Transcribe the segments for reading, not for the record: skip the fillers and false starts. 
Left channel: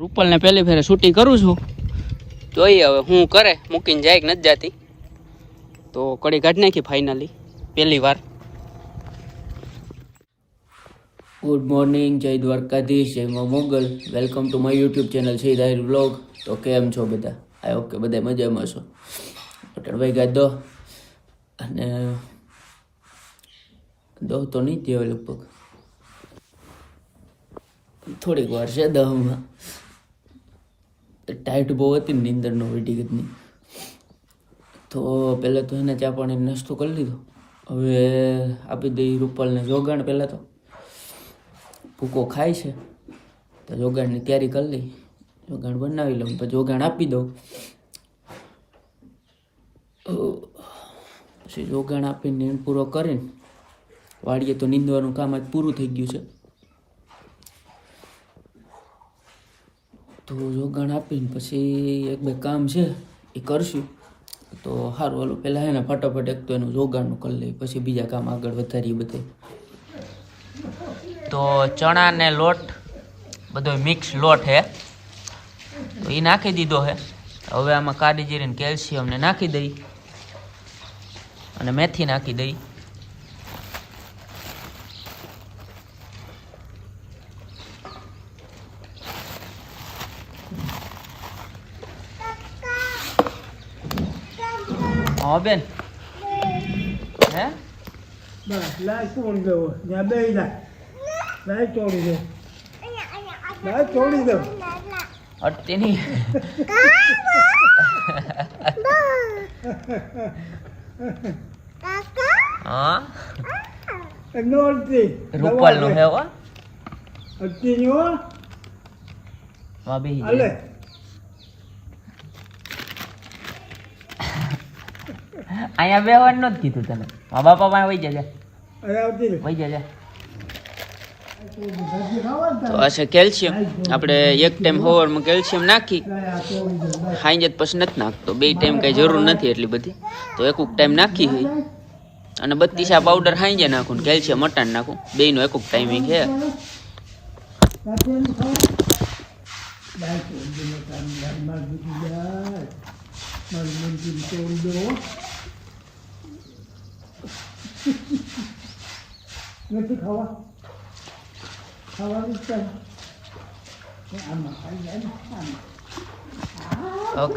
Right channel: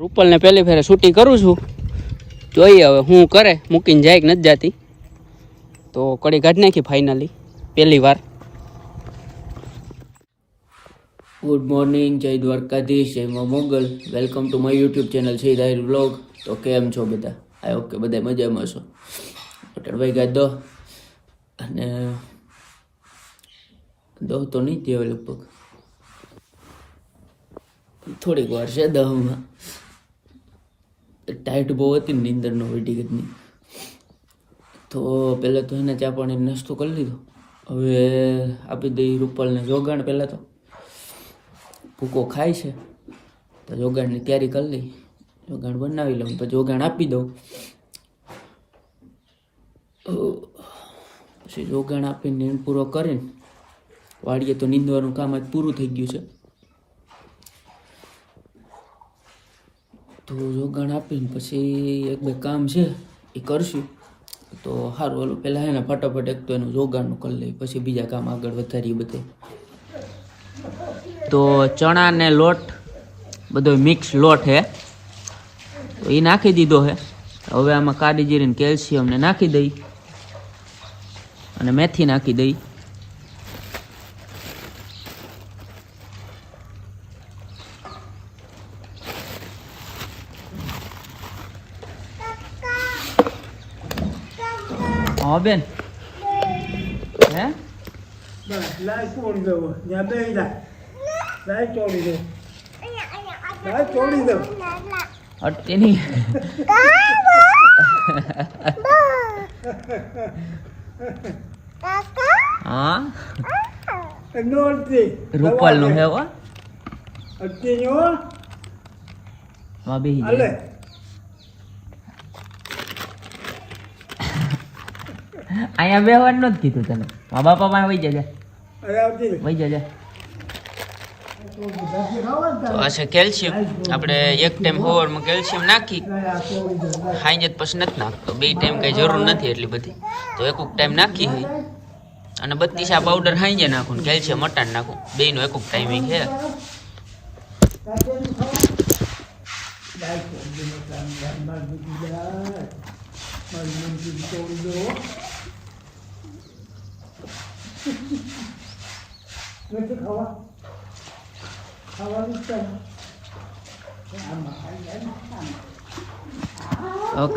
રૂપલ ને પહેલી ફેરે શૂટિંગ કરું છું, જોઈએ હવે હું કરે, મૂકીને જાય કે નથી જતી. તો કડી કાઢી નાખી ફાઇનલી પહેલી વાર. ગુડ મોર્નિંગ, જય દ્વારકાધીશ, જય મા Mogal. Welcome to my YouTube channel છે દાહિર વ્લોગ. તો કેમ છો બધા? આઈ હોપ કે બધા મજામાં છો. ભાઈ ગયા દો અને દો તો નહીં થયો લગભગ, થોડીક વાર છે દહમાં. ટાઈટ બહુ હતી નીંદરનો વેટીગતની. તો પહેલાં તો એને ચા પાણી નાસ્તો કરી લીધો. હવે આપી દઈ રૂપલને જોગાણ. પહેલાં તો ભૂકો ખાય છે તો જોગાણની તૈયારી કરી લઈ, જોગાણ બનાવી લઉં પછી જોગાણ આપી દઉં. પછી જોગાણ આપીને નીંદ પૂરો કરીને વાડીએ તો નીંદવાનું કામ આજ પૂરું થઈ ગયું છે. તો જોગાણ આપીને પછી એક બે કામ છે એ કરશું. તો સારું, હાલો પહેલાં એને ફટાફટ એક તો એનું જોગાણનું કરી લઈએ, પછી બીજા કામ આગળ વધારીએ બધે. તો ચણા ને લોટ બધો મિક્સ લોટ હે, એ નાખી દીધો હે. હવે આમાં કાળી જીરીને કેલ્શિયમ ને નાખી દઈ અને મેથી નાખી દઈ. હા બેન, હે અટતી નહીં. હા રૂપલ નું હે. હા બે અહીંયા બેહવાનું નથી કીધું તને. મા બાપા પાસે વહી જજે, વહી જજે. હશે કેલ્શિયમ, આપણે એક ટાઈમ સવારમાં કેલ્શિયમ નાખી ખાઈ જ પછી નથી નાખતો. બે ટાઈમ કઈ જરૂર નથી એટલી બધી, તો એક ટાઈમ નાખી હોય અને 32 પાવડર ખાઈ જાય નાખું, કેલ્શિયમ મટાણ નાખું. બેનો એક ટાઈમિંગ છે.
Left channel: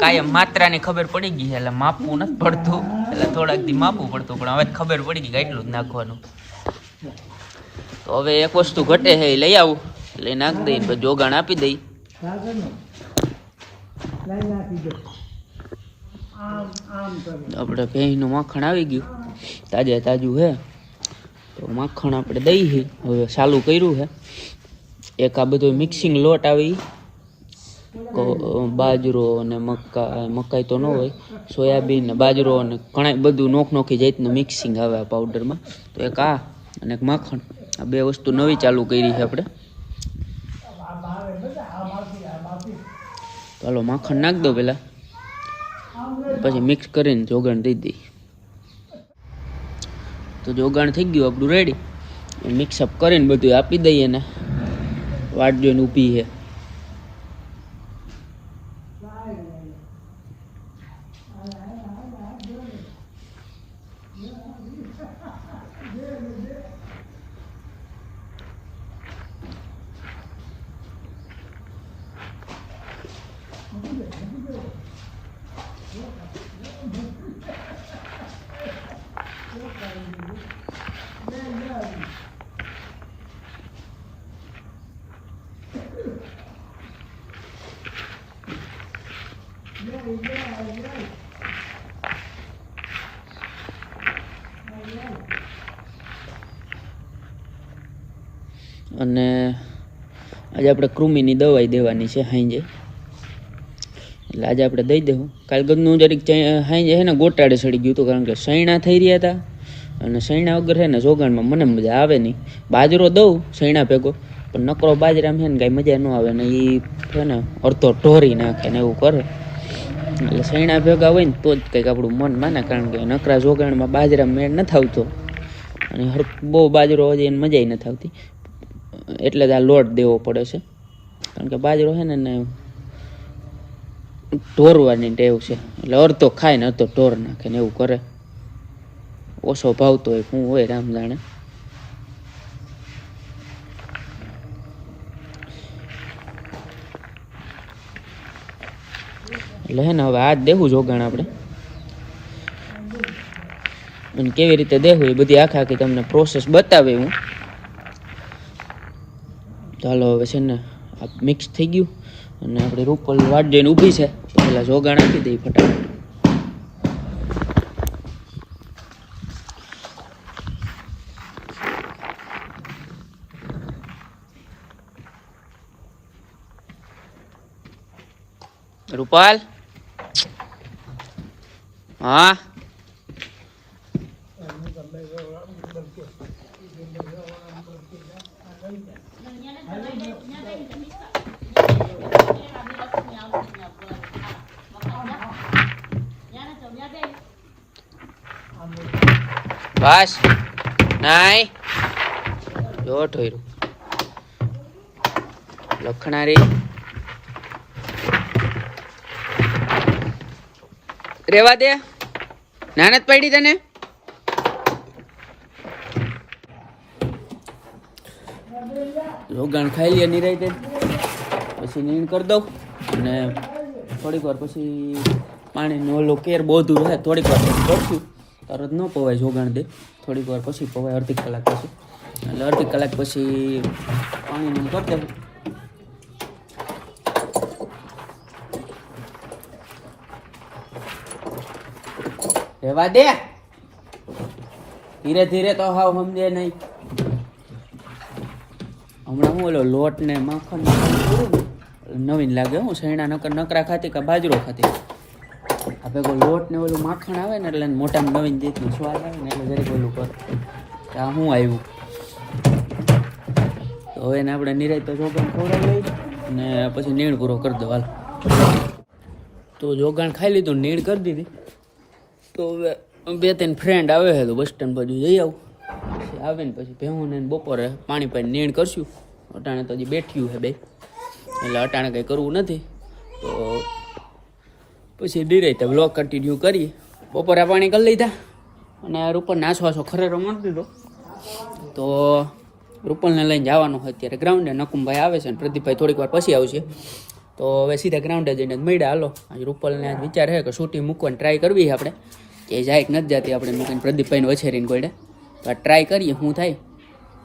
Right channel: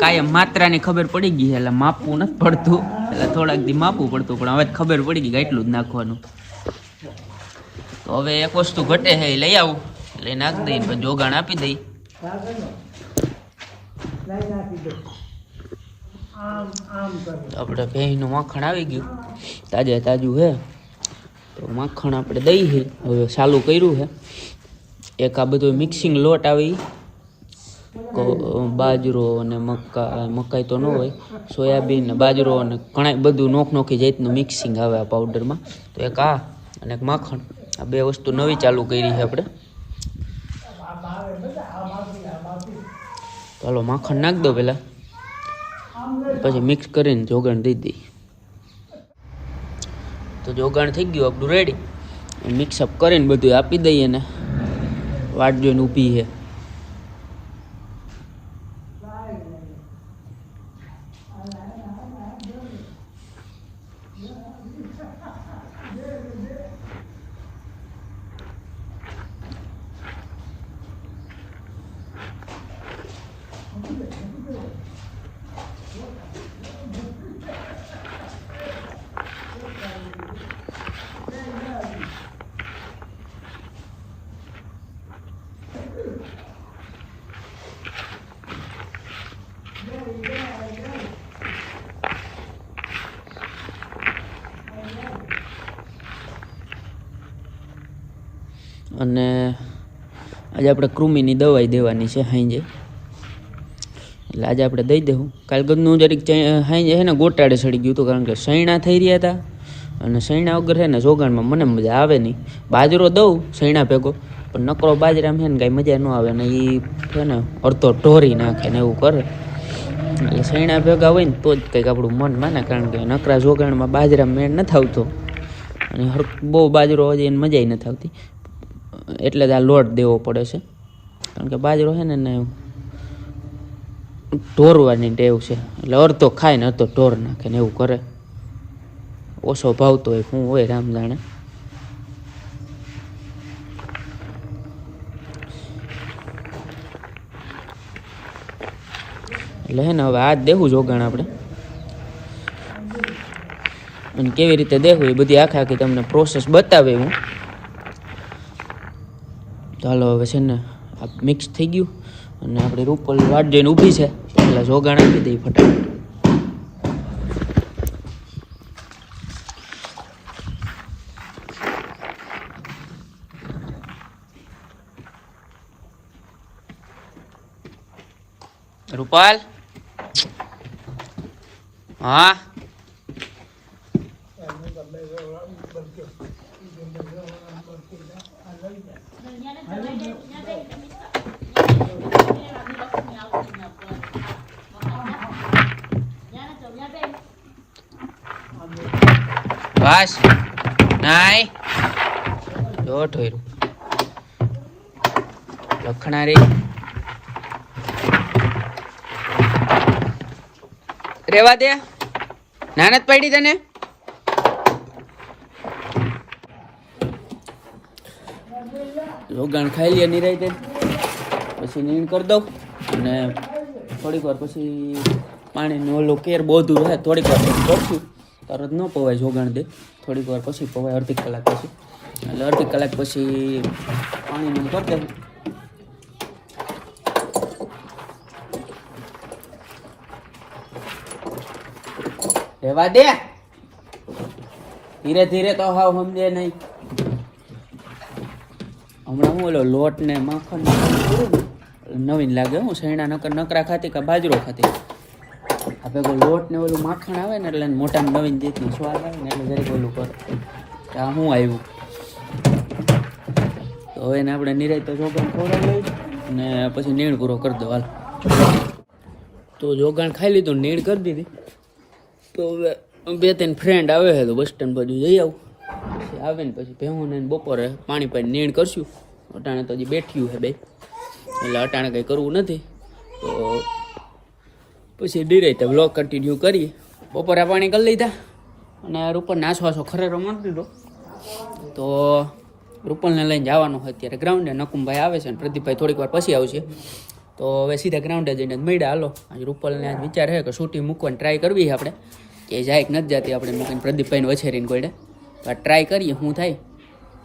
કાયમ માત્રાની ખબર પડી ગઈ, એટલે માપવું નથી પડતું, એટલે થોડાક દી માપવું પડતું, પણ હવે ખબર પડી ગઈ કે એટલું જ નાખવાનું. તો હવે એક વસ્તુ ઘટે છે, એ લઈ આવું, લઈ નાખી દઈ, પછી જોગાણ આપી દઈ. આપણે ભેંસનું માખણ આવી ગયું, તાજે તાજું હે. તો માખણ આપણે દઈ છે, હવે ચાલુ કર્યું છે. એક આ બધું મિક્સિંગ લોટ આવી, બાજરો અને મકાઈ તો ન હોય, સોયાબીન ને બાજરો અને ઘણા બધું નોખી જાતનું મિક્સિંગ આવે આ પાવડરમાં. તો એક આ અને એક માખણ, આ બે વસ્તુ નવી ચાલુ કરી છે આપણે. ચાલો માખણ નાખ દો પહેલાં, પછી મિક્સ કરીને જોગાણ દઈ દઈ. તો જોગાણ થઈ ગયું આપણું રેડી. મિક્સઅપ કરીને બધું આપી દઈએ ને વાટ જોઈને ઊભી છે. અને આજે આપણે કૃમિની દવાઈ દેવાની છે હાંજે, એટલે આજે આપણે દઈ દેવું. કાલ ગમનું જરીક હાંજે છે ને ગોટાળે ચડી ગયું હતું, કારણ કે સૈણા થઈ રહ્યા હતા, અને સૈણા વગર છે ને જોગાણમાં મને મજા આવે નહીં. બાજરો દઉં સૈણા ભેગો, પણ નકરો બાજરામાં છે ને કાંઈ મજા ન આવે ને, એ છે ને અડધો ઢોરી નાખે ને એવું કરે. એટલે સૈણા ભેગા હોય ને તો જ કંઈક આપણું મન માને, કારણ કે નકરા જોગાણમાં બાજરા મેળ નથી આવતો, અને બહુ બાજરો હોય એને મજા નથી આવતી. એટલે જ આ લોટ દેવો પડે છે. કારણ કે બાજરો છે ને ઢોરવાની ટેવ છે, એટલે અડધો ખાય ને અડધો ઢોર નાખે ને એવું કરે. ઓછો ભાવતો હોય શું હોય રામ જાણે. એટલે હે ને હવે હાથ દેવું જોગાણ આપણે કેવી રીતે દેવું એ બધી આખી તમને પ્રોસેસ બતાવે હું. ચાલો હવે છે ને મિક્સ થઈ ગયું અને આપણી રૂપલ વાટ જોઈને ઊભી છે, પેલા જોગાણ આપી દઈ ફટાફટ. રૂપાલ હા બસ નાઈ જો ઠોયરું લખણારી રેવા દે, નાનત પડી તને. રોગાણ ખાઈ લે નિરાયતે, પછી નીણ કરી દઉં અને થોડીક વાર પછી પાણીનો ઓલો કેર બધું રહે થોડીક વાર પછી કરશું. તરત ન પવાય જોગાણ દે, થોડીક વાર પછી પવાય, અડધી કલાક પછી. એટલે અડધી કલાક પછી પાણીનું કરી દેવું. રહેવા દે, ધીરે ધીરે તો હાવ સમજે નહીં. હમણાં હું ઓલો લોટ ને માખણ નવીન લાગે. હું શેણા નકરા ખાતી કે બાજરો ખાતી, આ ભેગો લોટ ને ઓલું માખણ આવે ને એટલે મોટામાં નવીન જેટલું સ્વાદ આવે ને એટલે જરીક ઓલું કર કે આ શું આવ્યું. તો હવે એને આપણે નિરાય તો જોગાણ ખવડાવી લઈ અને પછી નીણ પૂરો કરી દો હાલ. તો જોગાણ ખાઈ લીધું, નીણ કરી દીધી. તો હવે 2-3 ફ્રેન્ડ આવે છે તો બસ સ્ટેન્ડ બાજુ જઈ આવું. આવીને પછી ભેહું ને બપોરે પાણી પાણી નીણ કરશું. અટાણે તો હજી બેઠ્યું છે બે, એટલે અટાણે કંઈ કરવું નથી. તો પછી ડિરેક્ટ વ્લોગ કન્ટિન્યુ કરીએ. બપોરે પાણી કરી લીધા અને રૂપલને આસવાસો ખરેરો મારી દીધો. તો રૂપલને લઈને જવાનું હોય અત્યારે ગ્રાઉન્ડે. નકુમભાઈ આવે છે અને પ્રદીપભાઈ થોડીક વાર પછી આવશે. તો હવે સીધા ગ્રાઉન્ડે જઈને મળ્યા. હાલો આજે રૂપલને વિચાર છે કે શૂટિંગ મૂકવાની ટ્રાય કરવી છે આપણે, એ જાય કે નથી જતી આપણે મૂકીને પ્રદીપભાઈને વછેરીને કોઈને. તો આ ટ્રાય કરીએ શું થાય.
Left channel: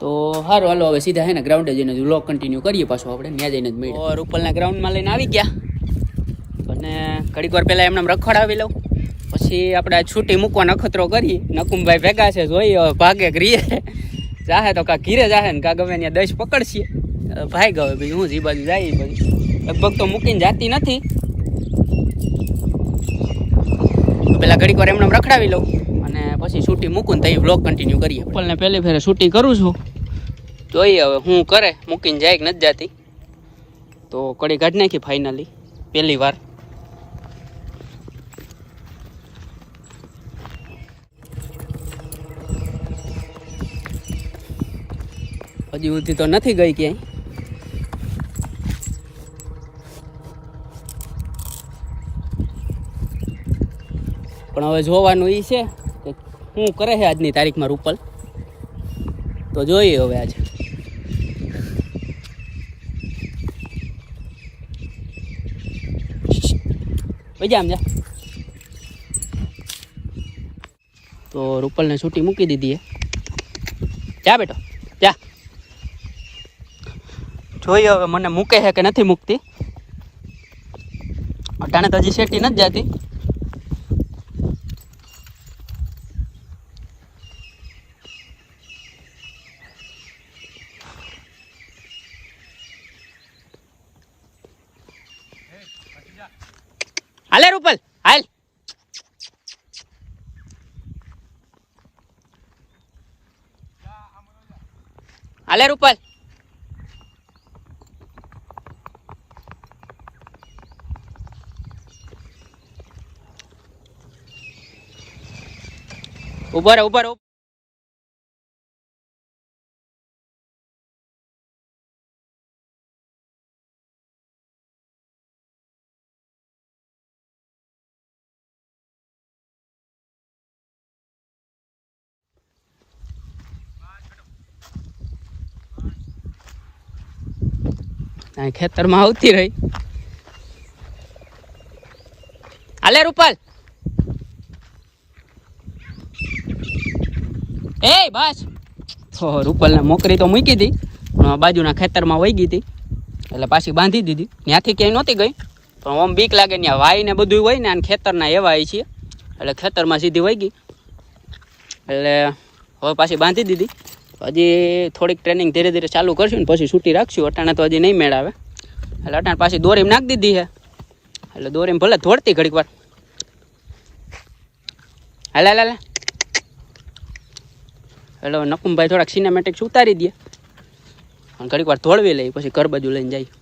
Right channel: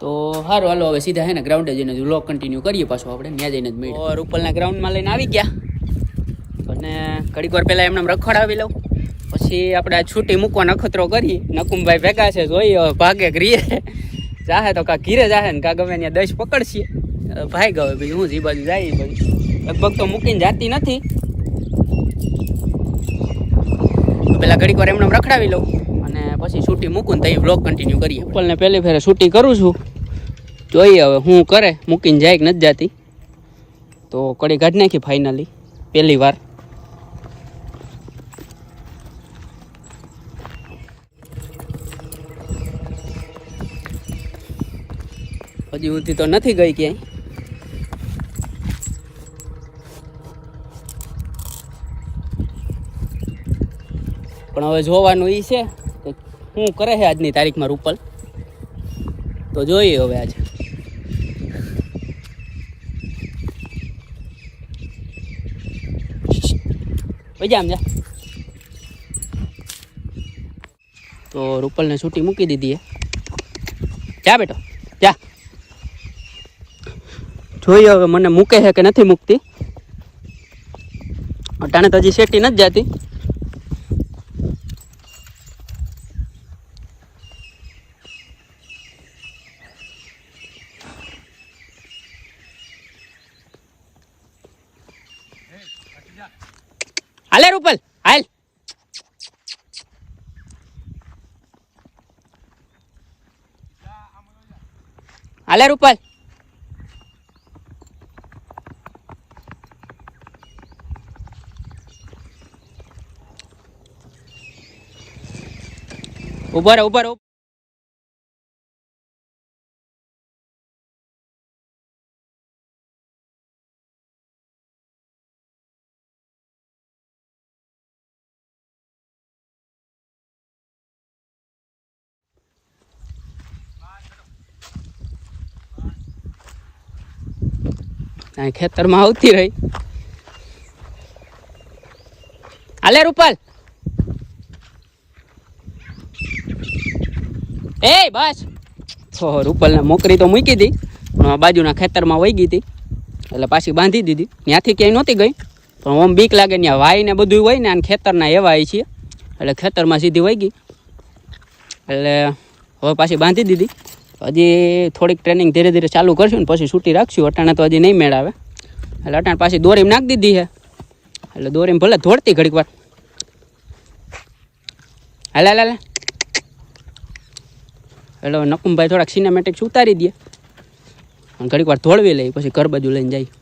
તો સારું હાલો હવે સીધા હે ને ગ્રાઉન્ડે જઈને વ્લોગ કન્ટિન્યુ કરીએ પાછો આપણે ત્યાં જઈને જ મળીએ. રૂપલના ગ્રાઉન્ડમાં લઈને આવી ગયા અને ઘડીક વાર પહેલાં એમને રખડાવી લઉં, પછી આપણે આ છૂટી મૂકવા નખતરો કરીએ. નકુમભાઈ ભેગા છે, જોઈએ હવે ભાગે કરીએ. જાહે તો કાં ઘીરે જાહે ને કાં ગમે ત્યાં દશ પકડશીએ. ભાઈ ગયો બીજું હું જે બાજુ જાય એ બધું લગભગ તો મૂકીને જાતી નથી. તો પેલા ઘડીક વાર એમને રખડાવી લઉં અને પછી શૂટી મૂકું ને તો વ્લોગ કન્ટિન્યુ કરીએ. રૂપલને પહેલી ફેરે શૂટી કરું છું, જોઈએ હવે શું કરે, મૂકીને જાય કે નથી જતી. તો કડી કાઢી નાખી ફાઇનલી પહેલી વાર. હજી સુધી તો નથી ગઈ ક્યાંય. પણ હવે જોવાનું એ છે કે શું કરે છે આજની તારીખમાં રૂપલ. તો જોઈએ હવે આજે. પૈજા આમ જા. તો રૂપલને છૂટી મૂકી દીધી. જા બેટો જા. જોઈએ હવે મને મૂકે છે કે નથી મૂકતી. અટાણે તો હજી શેટી નથી જતી. હાલે રૂપલ હાલ. હાલે રૂપલ. ઉભા રહો. અહીં ખેતરમાં આવતી રહી. હાલે રૂપાલ, એ બસ. તો રૂપાલને મોકરી તો મૂકી હતી, પણ બાજુના ખેતરમાં વહી ગઈ હતી એટલે પાછી બાંધી દીધી. ત્યાંથી ક્યાંય નહોતી ગઈ, પણ આમ બીક લાગે ત્યાં વાય ને બધું હોય ને, અને ખેતરના એવા છીએ એટલે ખેતરમાં સીધી વહી ગઈ. એટલે હવે પાછી બાંધી દીધી. હજી થોડીક ટ્રેનિંગ ધીરે ધીરે ચાલુ કરશું ને પછી છૂટી રાખશું. અટાણે તો હજી નહીં મેળાવે એટલે અટાણે પાછી દોરીમાં નાખી દીધી છે. એટલે દોરીમાં ભલે થોડતી ઘડીક વાર. હાલે હાલે હાલે. એટલે નકુમભાઈ થોડાક સિનેમેટિક્સ ઉતારી દે, ઘડીક વાર ધોળવી લઈ, પછી ઘર બાજુ લઈને જાય.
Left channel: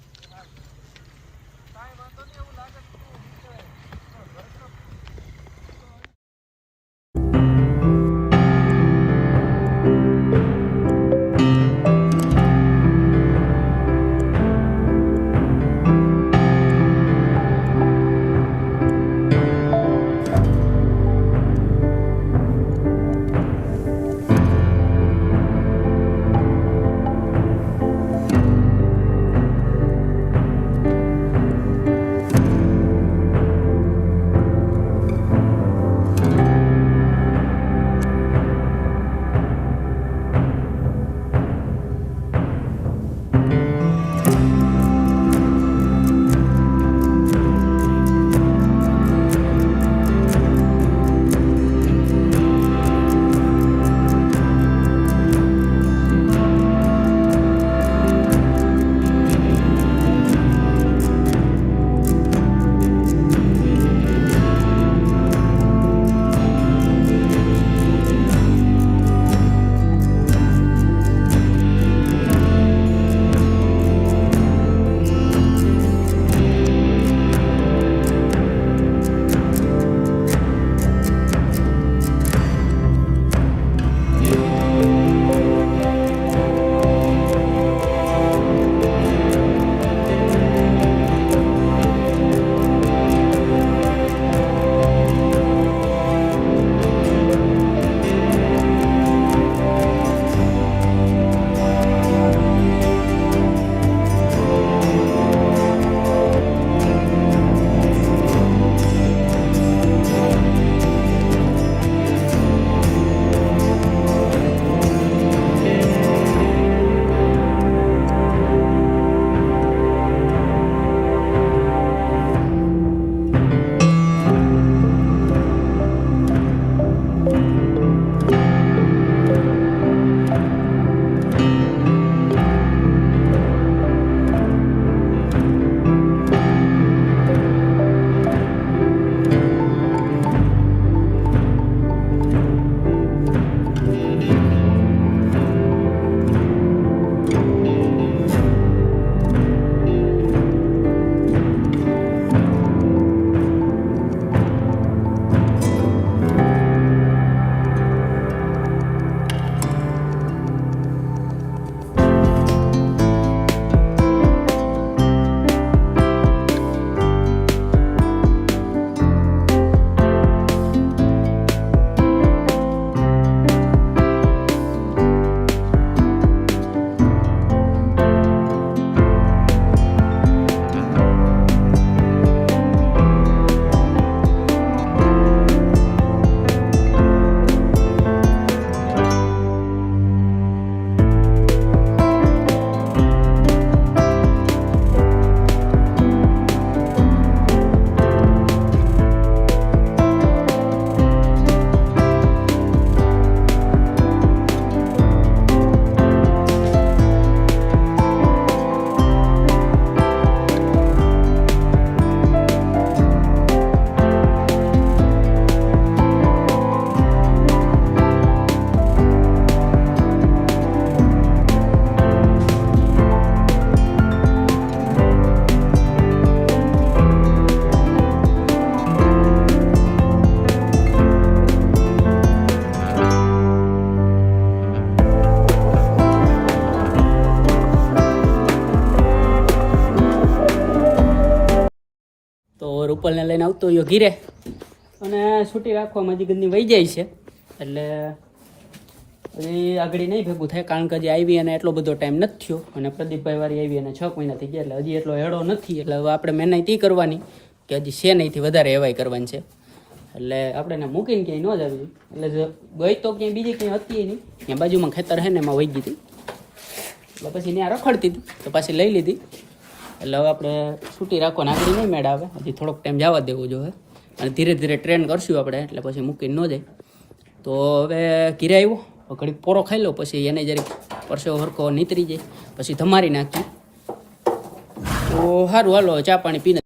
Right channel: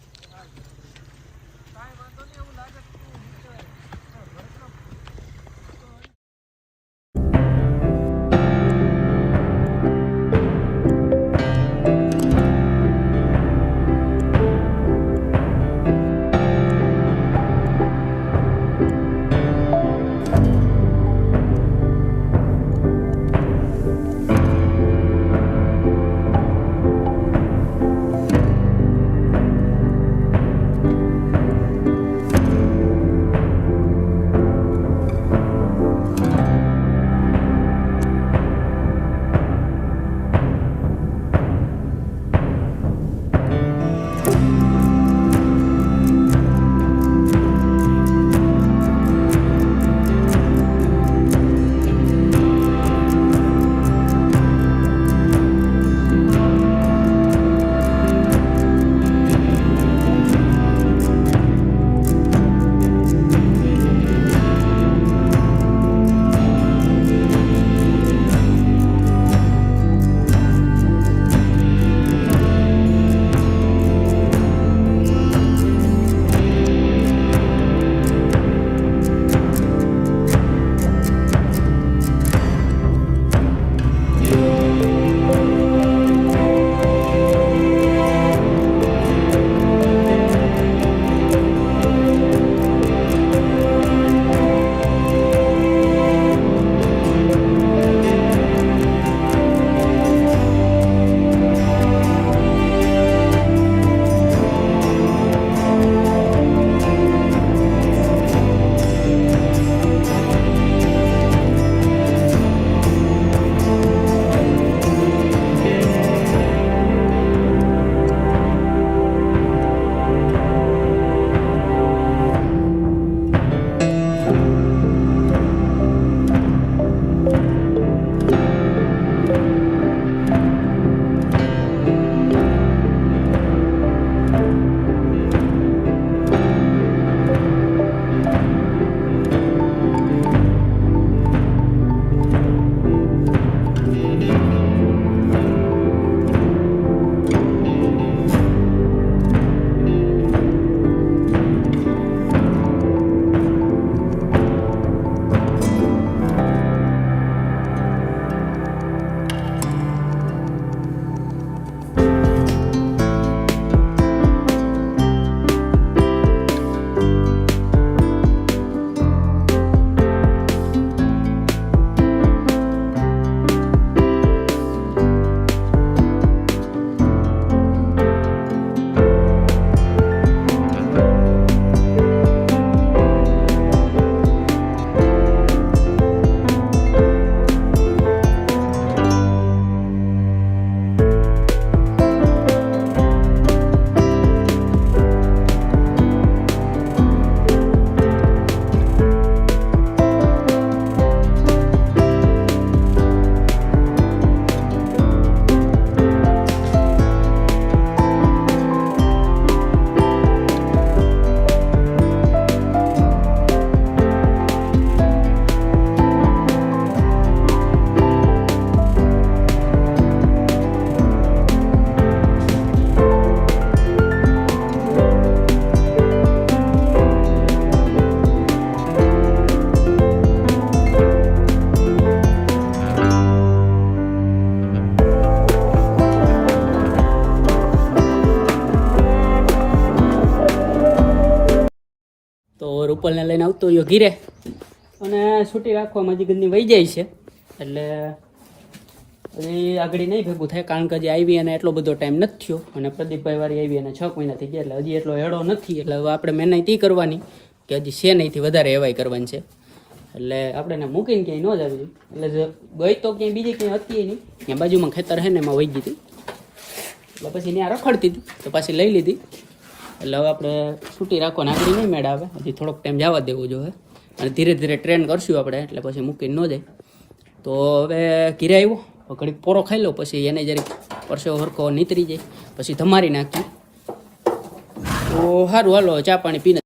રૂપલને લઈને આવતો હોય ઘીરે અને છૂટી રાખવામાં હજી ઘરની વહી જાય છે એટલે એ આગળ નહીં ભેગું થાય કારણ કે હજી આવી અને એટલો બધો ટાઈમ નથી થયો અને પ્રદીપભાઈ વાળી આવી અને 6 મહિના થઈ ગયા એટલે હજી એટલો હેડો નથી એટલે હવે આપણે મહેનત ઈ કરવાની કે હજી છે નહીંથી વધારે એવાય કરવાની છે એટલે આપણે એને મૂકીને ક્યાંય ન જ આવી એટલે જો ગઈ તો ક્યાંય બીજી ક્યાંય હતી નહીં ત્યાં બાજુમાં ખેતર છે ને એમાં વહી ગઈ હતી એટલે પછી ત્યાં રખડતી હતી તો પાછી લઈ લીધી એટલે હવે આપણે છૂટી રાખવાની આગળ નહીં મેળ આવે હજી થોડોક ટાઈમ જવા દેવું જોઈએ અને ધીરે ધીરે ટ્રેન કરશું આપણે એટલે પછી મૂકીને ન જાય તો હવે ઘીરે આવ્યો ઘડીક પોરો ખાઈ લો પછી એને જરીક પરસેવો હરખો નીતરી જાય પછી ધમારી નાખી તો સારું હાલો ચા પાણી પીને